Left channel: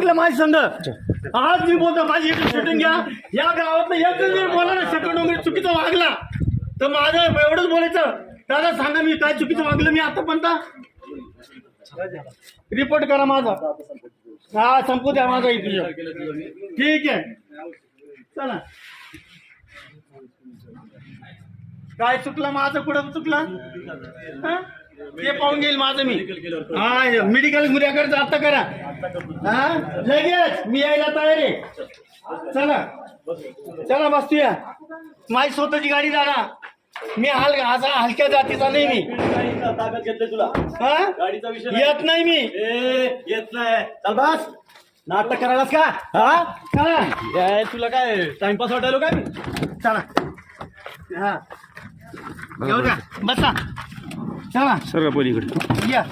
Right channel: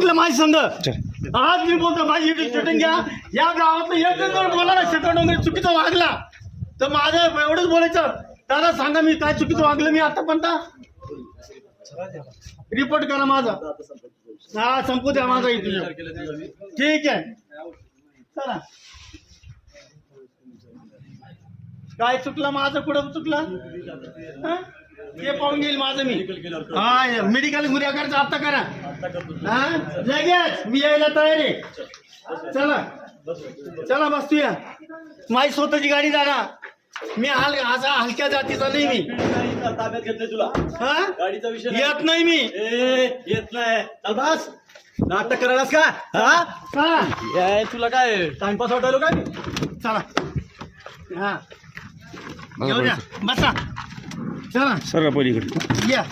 वागलं माझी संघ आज मी बोलतो माझी एक सेटिंग घ्या या गावातलं एक जर बोला ना सेकंड वगैरे चुकीचं वागला तर माझं एवढंच बोलायचं दादा सांगा मी काय चुकीचं वागलं मी आतापर्यंत रिपोर्ट करा माझा हा संपू द्या माझा इंटरव्ह्यू ठीक आहे चला काय चुकलं माझं कुठं चुकलं ते पाहून घेईल माझं मी हा मेडिकल गुन्हेगारचं आता करा हा लगेच मी यायला तयार आहे चला चला बसतूया माझी स्वतःची गाडी दादा मी हलक्या जातीचा नाही मी ताब्यात घेतले तुला हा गाडीचा विषय येत नाही मी येत नाही चल बस नाटक करायलास का हा चला तुला काय टाइमपास वाटायलो काय मी चला हा येऊ द्या बसा चला सर पलीकडे या